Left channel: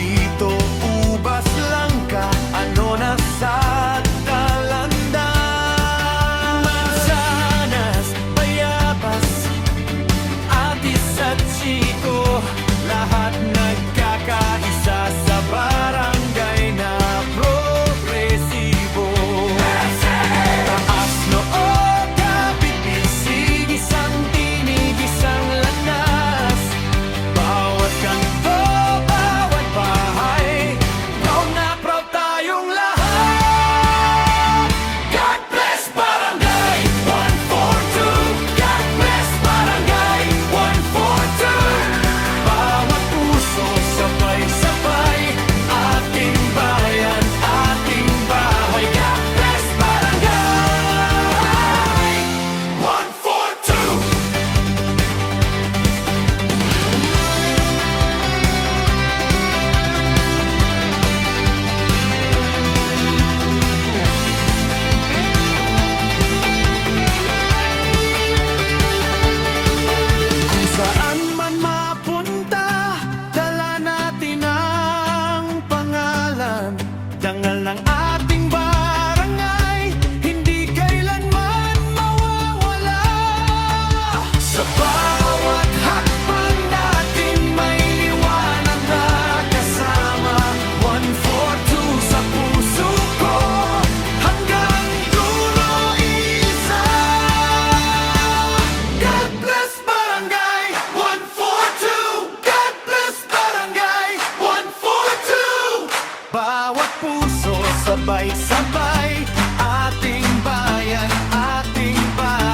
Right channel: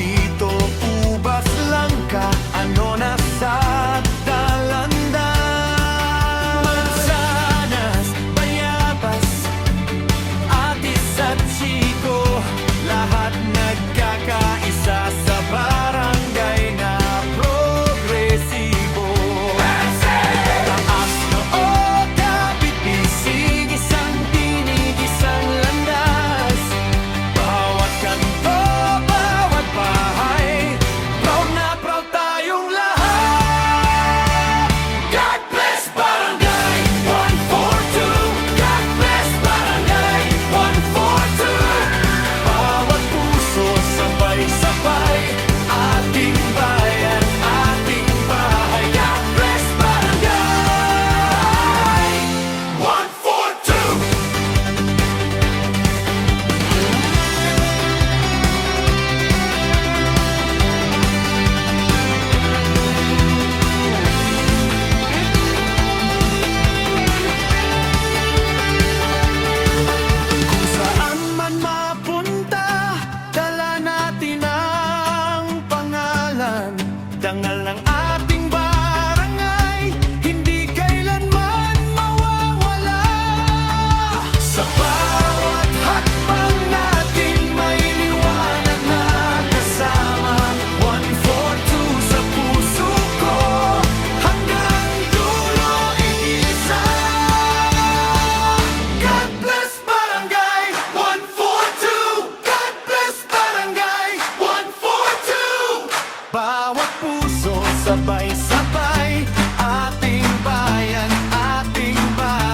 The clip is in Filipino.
dito, ubas lang ka, ano na sa talanda. Mansanas, bayabas, atis at chiko, lahat nagkakaisa sa barangay na progresibo. Taas noo, kapit bisig, isang tinig, isang landas. Bawat kanto, bawat bahay, proud na proud tayong lahat. God bless Barangay 142. God bless Barangay 142. Bawat puso, sabay-sabay, ating bayan, ating bahay. God bless Barangay 142. Kung saan man mapunta, dala natin ang pangalan, dangal ng ating barangay, hindi kailanman mawawala. Sa bawat hakbang natin may liwanag na kasama. 142 sa puso ko, hanggang dulo iisa. God bless Barangay 142. God bless Barangay 142. Bawat puso, sabay-sabay, ating bayan, ating bayan.